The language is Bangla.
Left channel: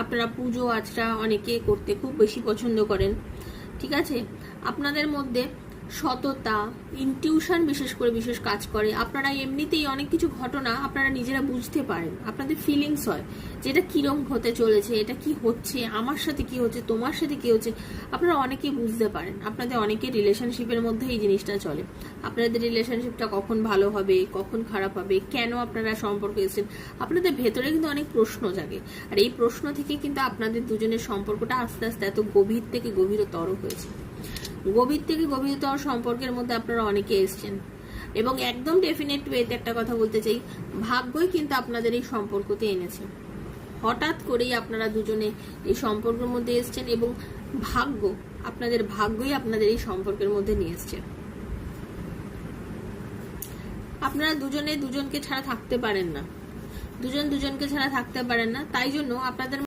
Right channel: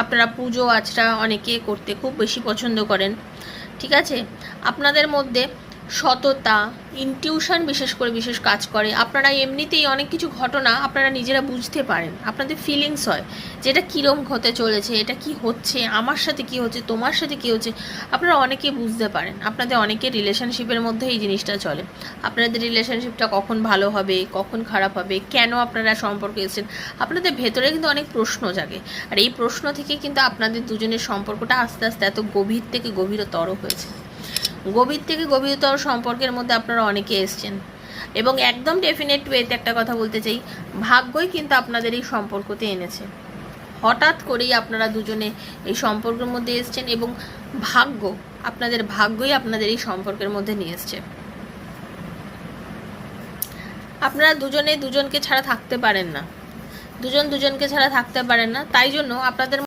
আপনারা পুজো আচরা অনেকে করতে খুব বেশি পছন্দ করেন, ঠিক আছে। আপনাদের মধ্যে সততা, ইনটিউশন বিশেষ করে বিশেষ কাজ করে। আপনারা এমনিতেই অনেক কিছু ঘটনা আপনারা নিজেরা বুঝতে পারেন, আপনাদের ফিলিংস হয় যে এটা কীরকম হতে চলেছে, এটা কি হচ্ছে, আমার সাথে কি হচ্ছে, তোমার সাথে কি হচ্ছে, আপনারা অনেকে বুঝতে পারেন। আপনাদের অনেকের রিলেশনশিপের মধ্যে এই জিনিসটা চলে, আপনাদের রিলেশনশিপটা কখন ভালো হবে, কখন খারাপ হবে, কেন আপনারা সম্পর্কে এসেছেন, আপনাদের ভেতরে কিন্তু অনেক প্রশ্ন জাগে। আর এই প্রশ্ন থেকে কিন্তু আপনাদের দুজনের সম্পর্কটা আস্তে আস্তে এত গভীর থেকে গভীরতর হয়েছে। গভীর থেকে গভীরতর সম্পর্কের মধ্যে আপনারা অনেকে এসছেন, এবং একদম ডেফিনেট ওয়েতে একটা কথা বলতে চাই, ভাগ্যই কিন্তু আপনাদের এই সম্পর্কতে এনেছে। হঠাৎ করেই আপনারা দুজনে এই সম্পর্কের মধ্যে এসছেন, এবং আপনাদের ভাগ্যই আপনাদের এই সম্পর্কের মধ্যে নিয়ে এসছে। আপনারা দুজনে দুজনকে ছাড়া থাকতে পারেন না, দুজন দুজনকে ছাড়া থাকতে পারেন না, তাই জন্য আপনাদের